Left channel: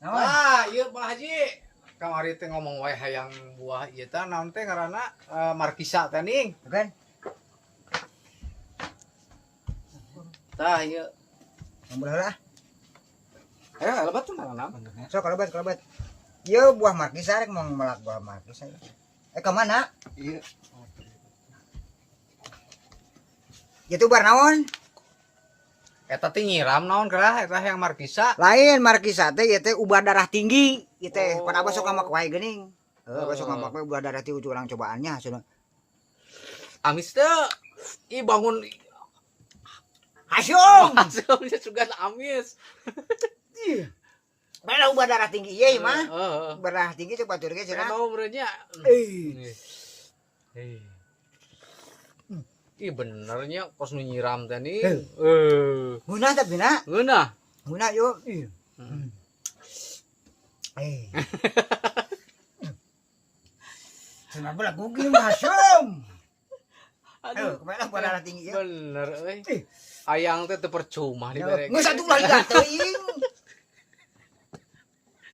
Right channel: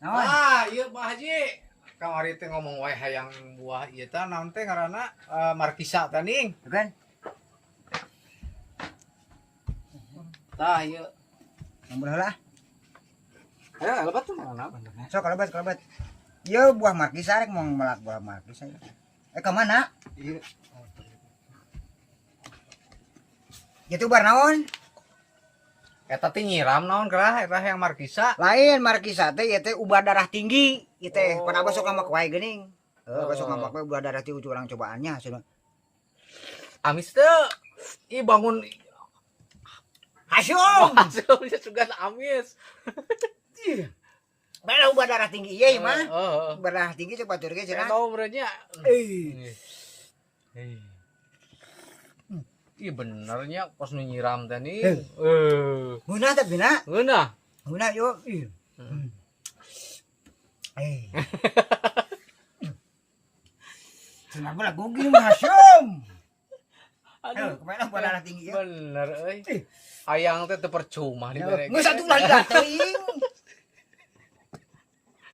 Naon? Ah, ieu Pak Haji. Kamari teh ngomong wae hayang buah ieu teh naon teh ngaranna markisa teh ning. Kan? Tah ieu. Nomor heula. Aya lebat tuh ngaranna. So kalebat. Ieu buah markisa rek mau melak buah markisa. Ke mana? Ieu. Itu bar naon? Eta teh nyiram naon kerah eta yang markisa. Lain markisa teh ieu teh ubah darah tinggi. Ieu teh Oh. pada besok ngamak wae geuning. Besok ngamak wae ubah darah tinggi urang cobaannya hasilna. Amis teh i bangun Hasyum. hasilnya juga amis. Mana ubah darah tinggi ieu mah? Heeh. Ubah darah tinggi teh batur ge cenah. Mau berenya. Eh. Ih benernya kos nu nyiram teh nih. Guna tapi na. Geunah. Guna yo. Cenah bola gugi mah hasyum. Aduh, kemana ubah darah tinggi ya? Bener euy. Hayang teh teu percuma dibere. Geus atuh lah teuing.